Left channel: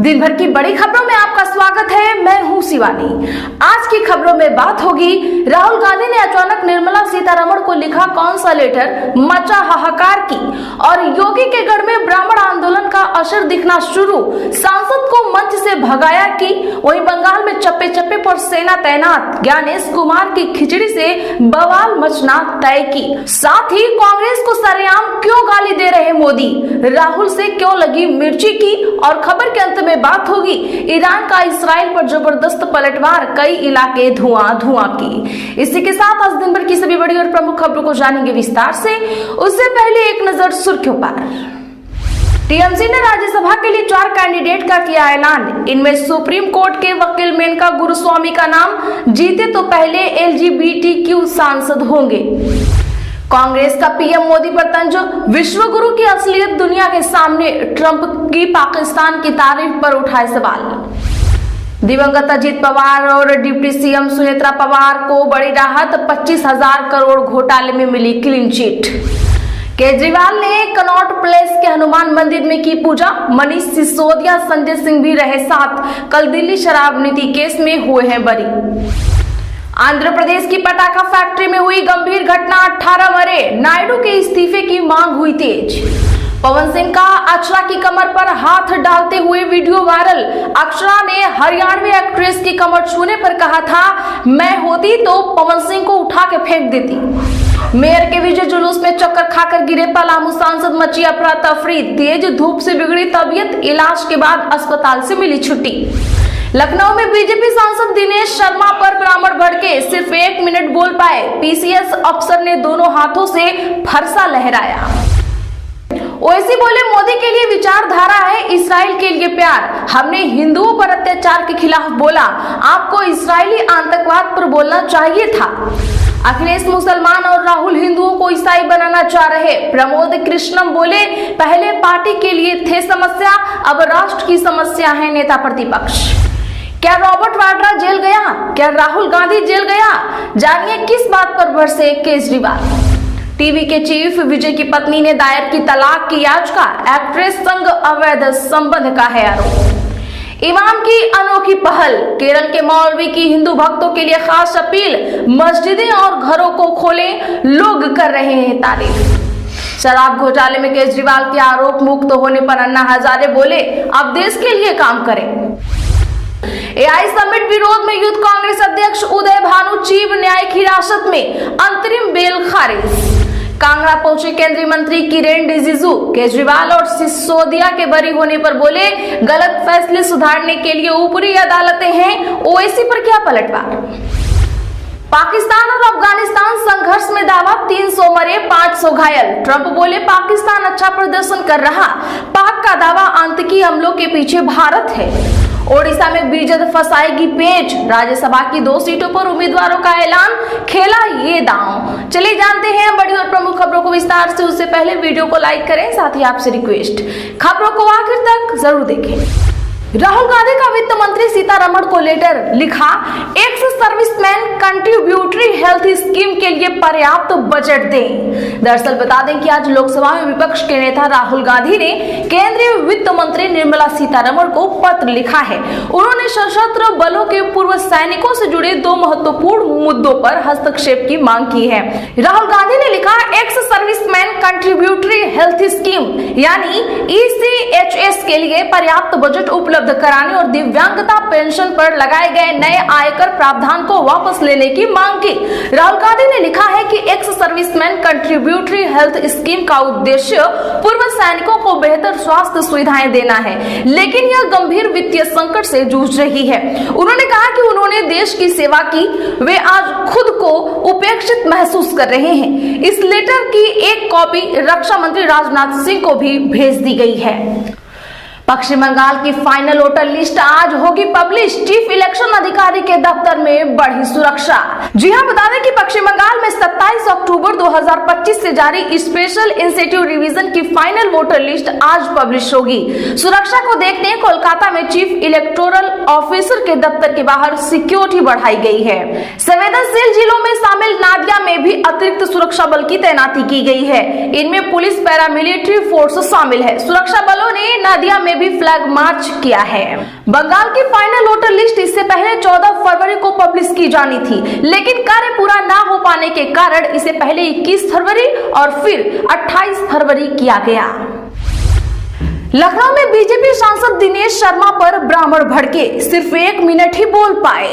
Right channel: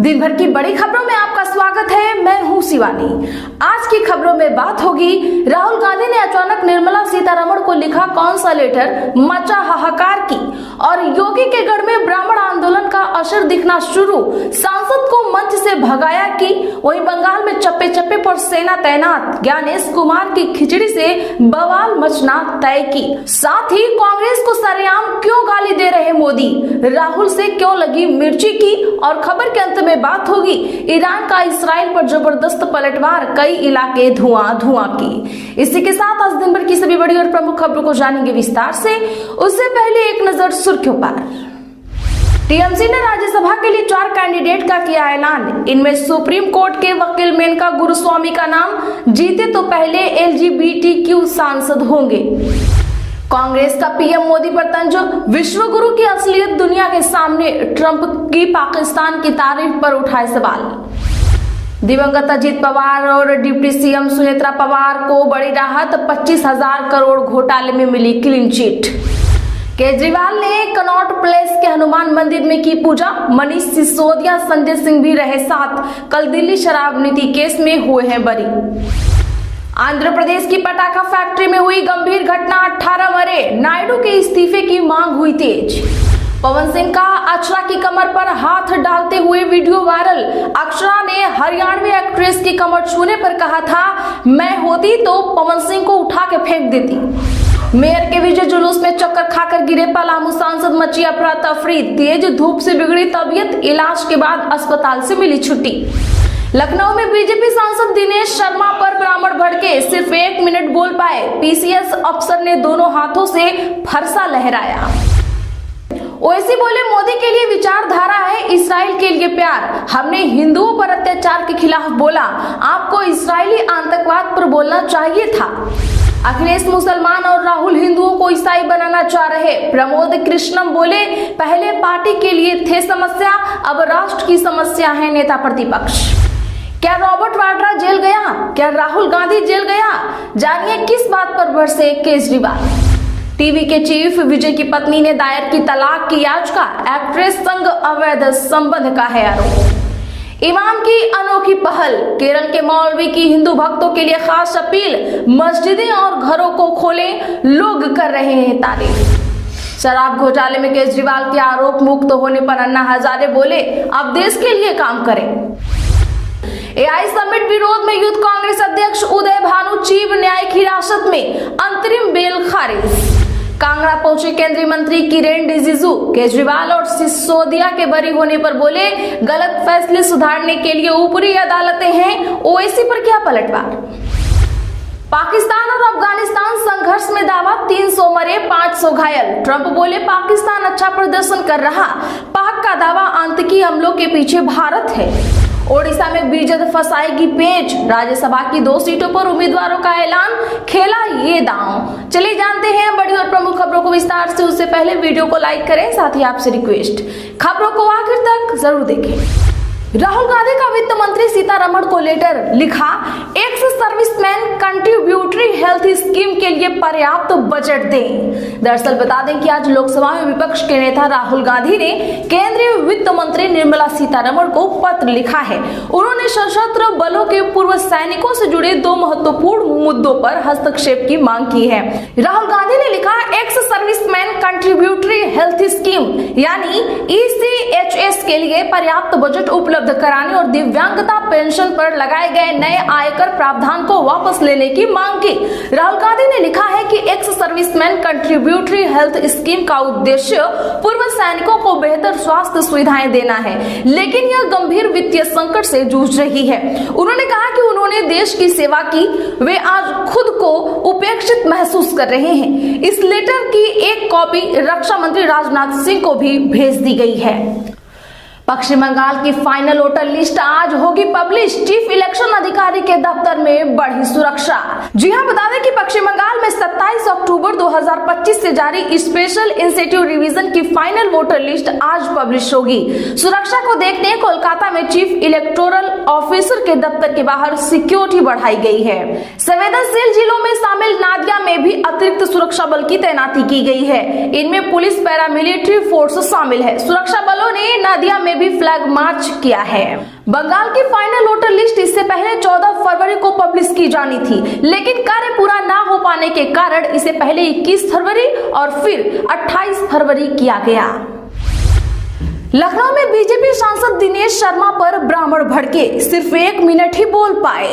दिन भर की बड़ी खबरों में आपका स्वागत है। मैं हूं शिवानी। आज की खबरों में बात होगी, राहुल गांधी ने अचानक निर्मला सीतारमण को लिखा कौन सा लेटर, मचा हाहाकार की, और योगी के गढ़ में ब्राह्मण आंदोलन का असर दिखना शुरू, सांसद को मंच से भगाया की, वहीं बंगाल में चप्पे चप्पे पर सेना तैनात, ज्ञानेश कुमार की खिचड़ी से बवाल मचना तय की। साथ ही कांग्रेस को सरेआम क्यों गाली दे रहे मोदी, राहुल से क्यों लगी मिर्ची की, और खबर के अंत में बात होगी ईरान का इस्राइल पर जबरदस्त पलटवार, कई इलाके धुआं धुआं की। इसी के साथ आज दिन भर की सभी बड़ी और प्रमुख खबरों को जानेंगे विस्तार से। उससे पहले एक नजर सुर्खियों पर। टीएमसी ने राज्यसभा के लिए 4 कैंडिडेट का किया ऐलान। इनमें सुप्रीम कोर्ट के वकील मेनका गुरुस्वामी का नाम, जीते तो पहले एलजीबीटीक्यू सांसद होंगे। कांग्रेस का पीएम मोदी पर तंज, विश्व गुरु की असलियत दुनिया के सामने, ट्रंप की पाकिस्तान की तारीफ पर उठाए सवाल। दिवंगत अजीत पवार और डिप्टी सीएम सुनेत्रा पवार को बड़ी राहत, 25,000 करोड़ घोटाले में मिली क्लीन चिट। केजरीवाल ने कनॉट प्लेस के हनुमान मंदिर में की पूजा, मनीष सिसोदिया, संजय सिंह भी रहे साथ। कल दिल्ली शराब नीति केस में हुए हैं बरी। आंध्र प्रदेश की पटाखा फैक्ट्री में हुई गंभीर घटना, 18 मरे, नायडू के इस्तीफे की मांग हुई तेज। पवन सिंह का अक्षरा की कमर पर हाथ डालते हुए वीडियो वायरल। अक्षरा ने हरियाणवी एक्ट्रेस की कमर छूने पर कहा था, मैं होती तो पवन सिंह को उठा के फेंक देती। मेयर के विजय जुलूस में चक्कर खाकर गिरे पलामू सांसद, मची अफरा तफरी, तेज धूप से बिगड़ी तबीयत, इलाज के बाद अस्पताल से मिली छुट्टी। लखनऊ में बीजेपी सांसद दिनेश शर्मा पर ब्राह्मण भड़के, सिर्फ 1 मिनट बोल पाए, पीसीएस अफसर ने दोनों हाथों से फरसा लहराया। ओवैसी बोले, मोदी के लिए विचारधारा है इस्राइल के लिए प्यार, हमने हिंदुओं पर अत्याचार के खिलाफ बोला, आपको इस्राइली आतंकवाद पर बोलना चाहिए था। अखिलेश मुसलमान और राहुल हिंदुओं को ईसाई बनाना चाह रहे, प्रमोद कृष्णम बोले, पहले पार्टी के लिए थे समस्या, अब राष्ट्र की समस्या है नेता प्रतिपक्ष। क्या रॉबर्ट वाड्रा जेल गया, क्या राहुल गांधी जेल गया, जानिए किस बात पर भड़से केजरीवाल। टीवी के चीफ विजय की पत्नी ने दायर की तलाक की याचिका, एक्ट्रेस संग अवैध संबंध का है आरोप। इमाम की अनोखी पहल, केरल के मौलवी की हिंदू भक्तों के लिए खास अपील, मस्जिदें और घरों को खोलें, लोग कर रहे हैं तारीफ। शराब घोटाले में केजरीवाल के आरोप मुक्त होने पर अन्ना हजारे बोले, अब देश के लिए काम करें। एआई समिट विरोध में यूथ कांग्रेस अध्यक्ष उदय भानु चीफ न्यायिक हिरासत में, अंतरिम बेल खारिज। कांगड़ा पहुंचे केंद्रीय मंत्री किरेन रिजिजू, केजरीवाल और सिसोदिया के बरी होने पर बोले, गलत फैसले सुधारने के लिए ऊपरी अदालतें हैं, ओवैसी पर क्या पलटवार। पाकिस्तान और अफगानिस्तान संघर्ष में दावा, 300 मरे, 500 घायल, ट्रंप बोले पाकिस्तान अच्छा प्रदर्शन कर रहा, पाक का दावा आतंकी हमलों के पीछे भारत है। ओडिशा में बीजेपी फंसाएगी पेच, राज्यसभा की 2 सीटों पर उम्मीदवारों का ऐलान, खेला ये दांव। चलिए जानते हैं बड़ी और प्रमुख खबरों को विस्तार से। उससे पहले वीडियो को लाइक करें, साथ ही आपसे रिक्वेस्ट, खबरों को आखिर तक जरूर देखें। राहुल गांधी का वित्त मंत्री सीतारमण को लेटर लिखा, ex serviceman contributory health scheme के लिए पर्याप्त बजट दें। दरअसल बता दें कि आज लोकसभा में विपक्ष के नेता राहुल गांधी ने केंद्रीय वित्त मंत्री निर्मला सीतारमण को पत्र लिखा है। उन्होंने सशस्त्र बलों के पूर्व सैनिकों से जुड़े 2 महत्वपूर्ण मुद्दों पर हस्तक्षेप की मांग की है। राहुल गांधी ने लिखा, ex serviceman contributory health scheme यानी ECHS के लिए पर्याप्त बजट उपलब्ध कराने और दिव्यांगता पेंशन पर लगाए गए नए आयकर प्रावधान को वापस लेने की मांग की। राहुल गांधी ने लिखा है कि ex serviceman contributory health scheme का उद्देश्य पूर्व सैनिकों को बेहतर स्वास्थ्य सुविधाएं देना है, लेकिन यह गंभीर वित्तीय संकट से जूझ रही है। उन्होंने कहा कि उन्होंने देश की सेवा की, वे आज खुद को उपेक्षित महसूस कर रहे हैं। इस लेटर की एक कॉपी रक्षा मंत्री राजनाथ सिंह को भी भेज दी गई है। पश्चिम बंगाल की फाइनल वोटर लिस्ट आज होगी पब्लिश, चीफ इलेक्शन अधिकारी के दफ्तर में बढ़ी सुरक्षा। जी हां, बता दें कि पश्चिम बंगाल में 27 अक्टूबर 2025 से जारी स्पेशल इंसेंटिव रिवीजन की फाइनल वोटर लिस्ट आज पब्लिश होगी। सुरक्षा को देखते कोलकाता में चीफ इलेक्टोरल ऑफिसर के दफ्तर के बाहर सिक्योरिटी बढ़ाई गई है। संवेदनशील जिलों में शामिल नादिया में भी अतिरिक्त सुरक्षा बल की तैनाती की गई है। इनमें पुलिस, पैरामिलिट्री फोर्स शामिल है। सुरक्षा बलों ने नादिया में भी फ्लैग मार्च किया है। बंगाल की फाइनल वोटर लिस्ट इससे पहले 14 फरवरी को पब्लिश की जानी थी, लेकिन कार्य पूरा ना हो पाने के कारण इसे पहले 21 फरवरी और फिर 28 फरवरी किया गया। लखनऊ में बीजेपी सांसद दिनेश शर्मा पर ब्राह्मण भड़के, सिर्फ 1 मिनट ही बोल पाए।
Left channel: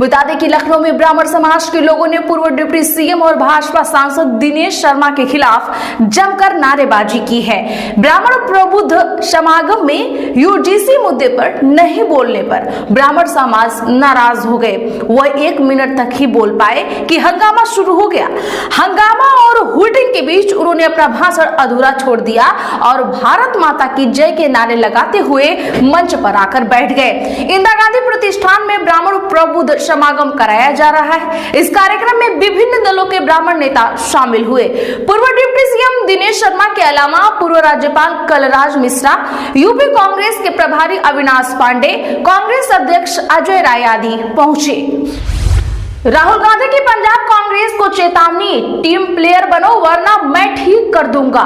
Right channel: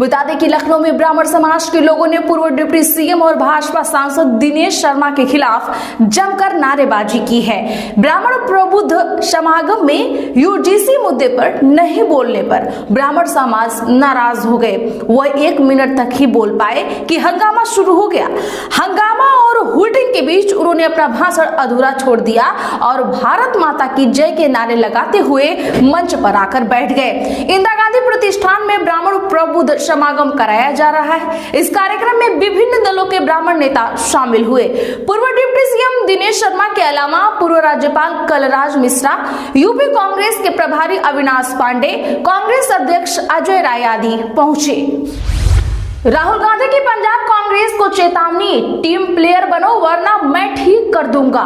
बता दें कि लखनऊ में ब्राह्मण समाज के लोगों ने पूर्व डिप्टी सीएम और भाजपा सांसद दिनेश शर्मा के खिलाफ जमकर नारेबाजी की है। ब्राह्मण प्रबुद्ध समागम में यूजीसी मुद्दे पर नहीं बोलने पर ब्राह्मण समाज नाराज हो गए। वह 1 मिनट तक ही बोल पाए कि हंगामा शुरू हो गया। हंगामा और हुटिंग के बीच उन्होंने अपना भाषण अधूरा छोड़ दिया और भारत माता की जय के नारे लगाते हुए मंच पर आकर बैठ गए। इंदिरा गांधी प्रतिष्ठान में ब्राह्मण प्रबुद्ध समागम कराया जा रहा है। इस कार्यक्रम में विभिन्न दलों के ब्राह्मण नेता शामिल हुए। पूर्व डिप्टी सीएम दिनेश शर्मा के अलावा पूर्व राज्यपाल कलराज मिश्रा, यूपी कांग्रेस के प्रभारी अविनाश पांडे, कांग्रेस अध्यक्ष अजय राय आदि पहुंचे। राहुल गांधी की पंजाब कांग्रेस को चेतावनी, टीम प्लेयर बनो वरना मैं ठीक कर दूंगा।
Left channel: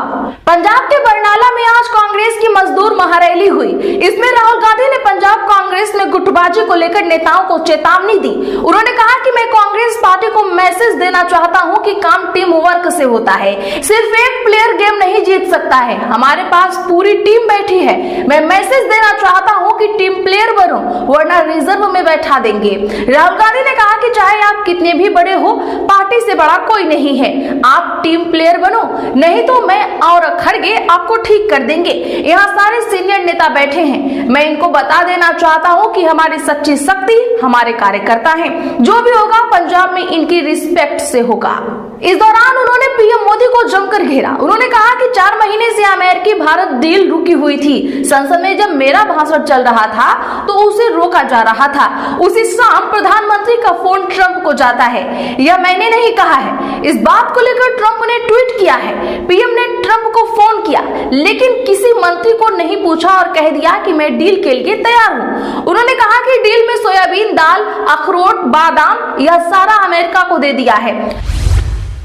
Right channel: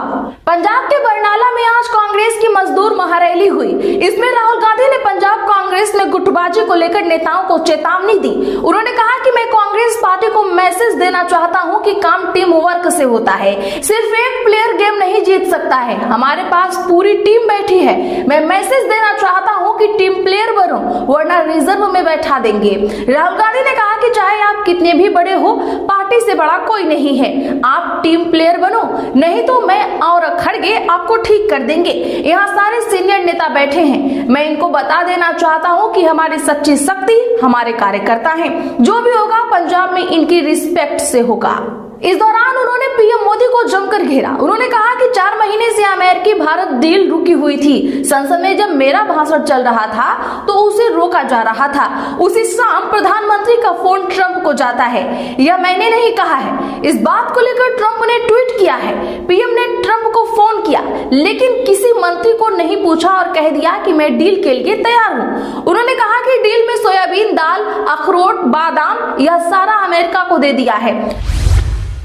पंजाब के बरनाला में आज कांग्रेस की मजदूर महारैली हुई। इसमें राहुल गांधी ने पंजाब कांग्रेस में गुटबाजी को लेकर नेताओं को चेतावनी दी। उन्होंने कहा कि मैं कांग्रेस पार्टी को मैसेज देना चाहता हूं कि काम टीम वर्क से होता है, सिर्फ एक प्लेयर गेम नहीं जीत सकता है। हमारे पास पूरी टीम बैठी है। मैं मैसेज देना चाहता हूं कि टीम प्लेयर बनो वरना रिजर्व में बैठा देंगे। राहुल गांधी ने कहा कि चाहे आप कितने भी बड़े हो, पार्टी से बड़ा कोई नहीं है। आप टीम प्लेयर बनो, नहीं तो मैं और खड़गे आपको ठीक कर देंगे। यहाँ सारे सीनियर नेता बैठे हैं। मैं इनको बता देना चाहता हूँ कि हमारी सच्ची शक्ति हमारे कार्यकर्ता हैं। जो भी होगा पंजाब में इनकी रिस्पेक्ट से होगा। इस दौरान उन्होंने पीएम मोदी को जमकर घेरा। उन्होंने कहा कि 4 महीने से अमेरिकी भारत डील रुकी हुई थी। संसद में जब मेरा भाषण चल रहा था तो उसे रोका जा रहा था। उसी शाम प्रधानमंत्री का फोन ट्रंप को जाता है। यह मैंने नहीं कहा है। इस बात को लेकर ट्रंप ने ट्वीट किया है। पीएम ने ट्रंप को फोन किया, लेकिन किसी मंत्री को नहीं पूछा और कह दिया कि मैं डील के लिए तैयार हूँ। उन्होंने कहा कि डील में सोयाबीन दाल, अखरोट, बादाम यह सारा अमेरिका को दे दिया है।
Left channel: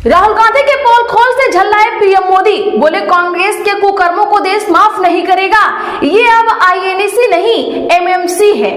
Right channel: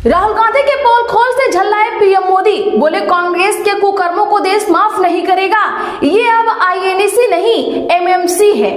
राहुल गांधी के पोल खोल से झल्लाए पीएम मोदी, बोले कांग्रेस के कुकर्मों को देश माफ नहीं करेगा। ये अब आईएनसी नहीं एमएमसी है।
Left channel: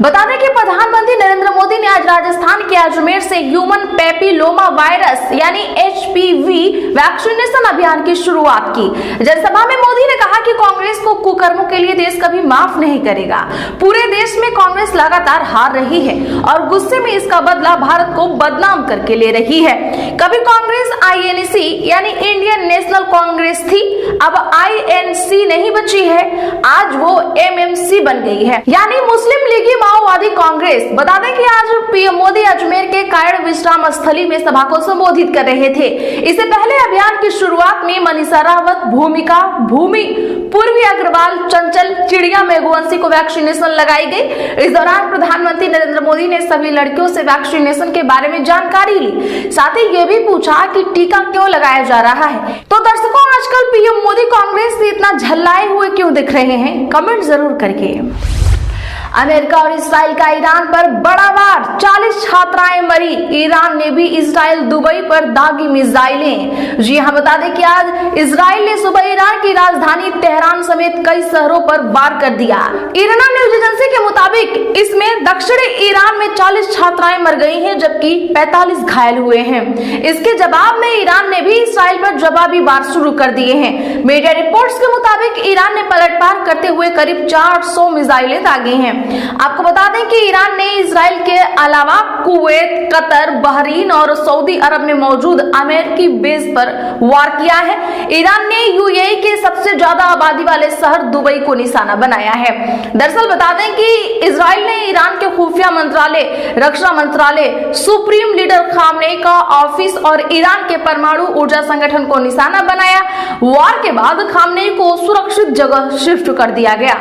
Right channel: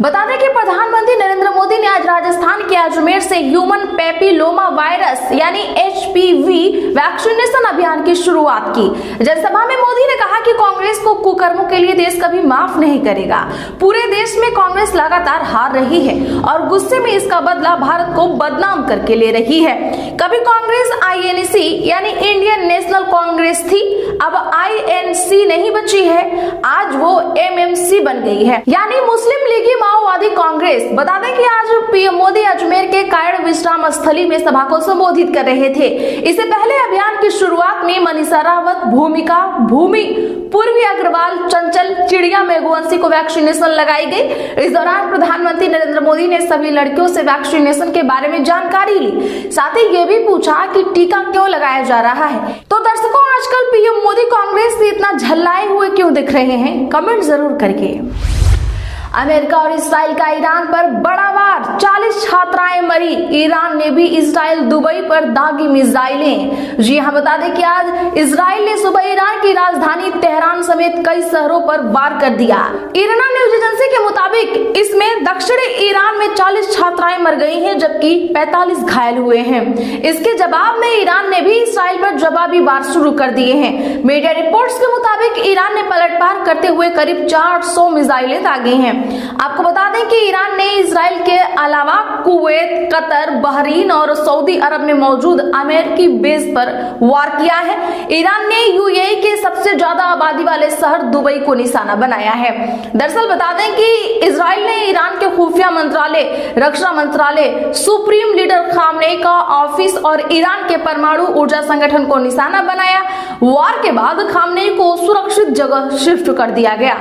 बता दें कि प्रधानमंत्री नरेंद्र मोदी ने आज राजस्थान के अजमेर से ह्यूमन पैपिलोमा वायरस यानी एचपीवी वैक्सीनेशन अभियान की शुरुआत की। जनसभा में मोदी ने कहा कि कांग्रेस को कुकर्मों के लिए देश कभी माफ नहीं करेगा। पूरे देश में कांग्रेस लगातार हार रही है और गुस्से में इसका बदला भारत को बदनाम करके ले रही है। कभी कांग्रेस आईएनसी यानी इंडियन नेशनल कांग्रेस थी, अब आईएनसी नहीं बची है, आज वो एमएमसी बन गई है यानी मुस्लिम लीगी माओवादी कांग्रेस। बता दें कि आज पीएम मोदी अजमेर के कायड़ विश्राम स्थली में सभा को संबोधित कर रहे थे। इससे पहले अभियान की शुरुआत में मनीषा रावत, भूमिका, भूमि, पूर्वी अग्रवाल, चंचल, चिड़िया मेघवंशी को वैक्सीनेशन लगाई गई। इस दौरान प्रधानमंत्री नरेंद्र मोदी ने सभी लड़कियों से वैक्सीनेशन के बारे में जानकारी ली। साथ ही ये भी पूछा कि टीका क्यों लगाया जा रहा है। तो दर्शकों, आजकल पीएम मोदी कांग्रेस से इतना झल्लाए हुए क्यों दिख रहे हैं, कमेंट जरूर करके। अमेरिका और इसराइल का ईरान पर बड़ा वार, 40 छात्राएं मरी। ईरान ने भी इसराइल दुबई पर दागी मिसाइलें। जी हाँ, बता दें कि आज इसराइल ने सुबह ईरान की राजधानी तेहरान समेत कई शहरों पर वार कर दिया। इरना न्यूज एजेंसी के मुताबिक इसमें दक्षिणी ईरान में 40 छात्राएं मर गई हैं, जबकि 45 घायल हुए हैं। इसके जवाब में ईरान ने भी इसराइल पर जवाबी वार शुरू कर दिए हैं। मीडिया रिपोर्ट्स के मुताबिक ईरान ने पलटवार करते हुए करीब 400 मिसाइलें दागी हैं। आपको बता दें कि ईरान ने इजराइल के अलावा कुवैत, कतर, बहरीन और सऊदी अरब में मौजूद अमेरिकी बेस पर वार किया है। ईरान ने यूएई के सबसे ज्यादा आबादी वाले शहर दुबई को निशाना बनाया है। दरअसल बता दें कि इजराइल ने ईरान के खुफिया मंत्रालय, रक्षा मंत्रालय, सुप्रीम लीडर खामनेई का ऑफिस और ईरान के परमाणु ऊर्जा संगठन को निशाना बनाया। वार के बाद खामनेई को सुरक्षित जगह शिफ्ट कर दिया गया।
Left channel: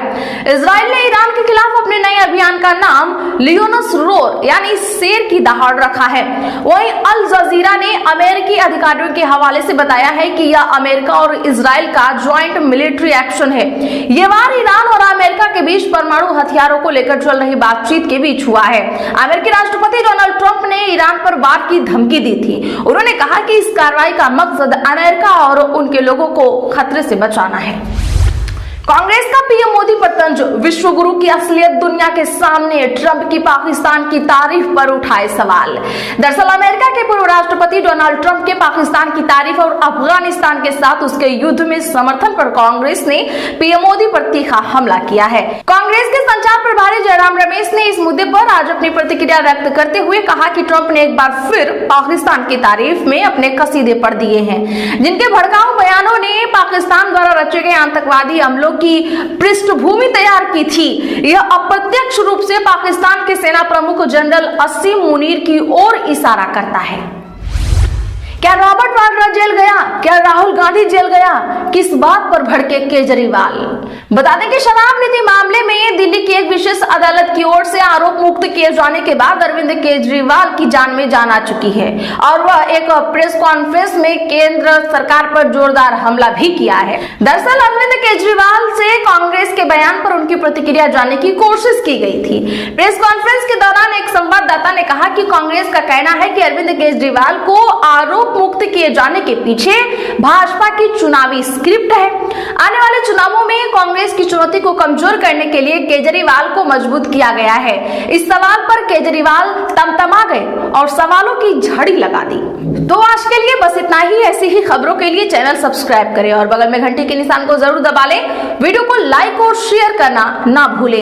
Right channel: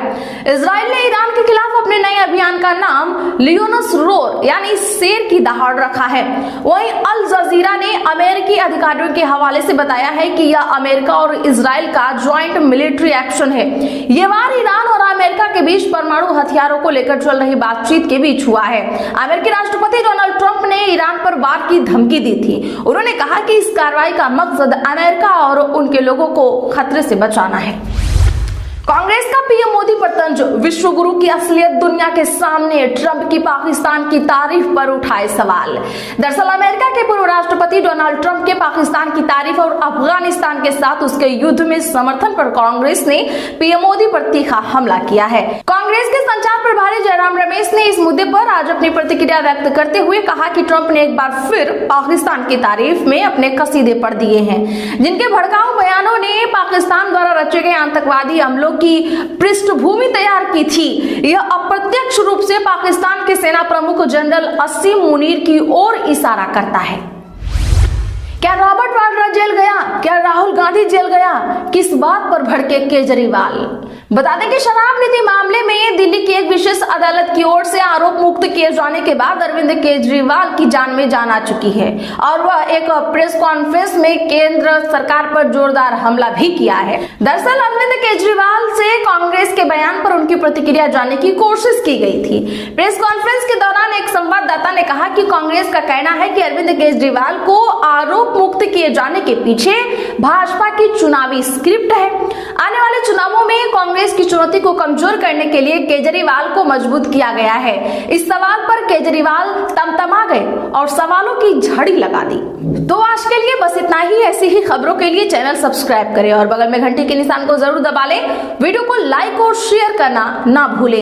इजराइल ने ईरान के खिलाफ अपने नए अभियान का नाम लियोनस रोर यानी शेर की दहाड़ रखा है। वहीं अल जजीरा ने अमेरिकी अधिकारियों के हवाले से बताया है कि यह अमेरिका और इजराइल का ज्वाइंट मिलिट्री एक्शन है। यह वार ईरान और अमेरिका के बीच परमाणु हथियारों को लेकर चल रही बातचीत के बीच हुआ है। अमेरिकी राष्ट्रपति डोनाल्ड ट्रंप ने ईरान पर वार की धमकी दी थी। उन्होंने कहा कि इस कार्रवाई का मकसद अमेरिका और उनके लोगों को खतरे से बचाना है। कांग्रेस का पीएम मोदी पर तंज, विश्व गुरु की असलियत दुनिया के सामने, ट्रंप की पाकिस्तान की तारीफ पर उठाए सवाल। दरअसल अमेरिका के पूर्व राष्ट्रपति डोनाल्ड ट्रंप के पाकिस्तान की तारीफ और अफगानिस्तान के साथ उसके युद्ध में समर्थन पर कांग्रेस ने पीएम मोदी पर तीखा हमला किया है। कांग्रेस के संचार प्रभारी जयराम रमेश ने इस मुद्दे पर आज अपनी प्रतिक्रिया व्यक्त करते हुए कहा कि ट्रंप ने एक बार फिर पाकिस्तान की तारीफ में अपने कसीदे पढ़ दिए हैं, जिनके भड़काऊ बयानों ने पाकिस्तान द्वारा रचे गए आतंकवादी हमलों की पृष्ठभूमि तैयार की थी। यह अप्रत्यक्ष रूप से पाकिस्तान के सेना प्रमुख जनरल असीम मुनीर की ओर इशारा करता है। क्या रॉबर्ट वाड्रा जेल गया? क्या राहुल गांधी जेल गया? किस बात पर भड़के केजरीवाल? बता दें कि शराब नीति मामले में दिल्ली की एक विशेष अदालत की ओर से आरोप मुक्त किए जाने के बाद अरविंद केजरीवाल की जान में जान आ चुकी है और वह एक प्रेस कॉन्फ्रेंस में केंद्र सरकार पर जोरदार हमला भी किया है। दरअसल अरविंद केजरीवाल से कांग्रेस के बयान पर उनकी प्रतिक्रिया जानने की कोशिश की गई थी। प्रेस कॉन्फ्रेंस के दौरान एक संवाददाता ने कहा कि कांग्रेस का कहना है कि अरविंद केजरीवाल को आरोप मुक्त किए जाने के पीछे भाजपा की चुनावी स्क्रिप्ट है। आने वाले चुनावों में कांग्रेस की चुनौती को कमजोर करने के लिए केजरीवाल को मजबूत किया गया है। इस सवाल पर केजरीवाल तमतमा गए और सवालों की झड़ी लगा दी। तो आज के लिए बस इतना ही। ऐसी ही खबरों के लिए चैनल सब्सक्राइब करें और बगल में घंटी के निशान को जरूर दबा लें। वीडियो को लाइक और शेयर करना ना भूलें।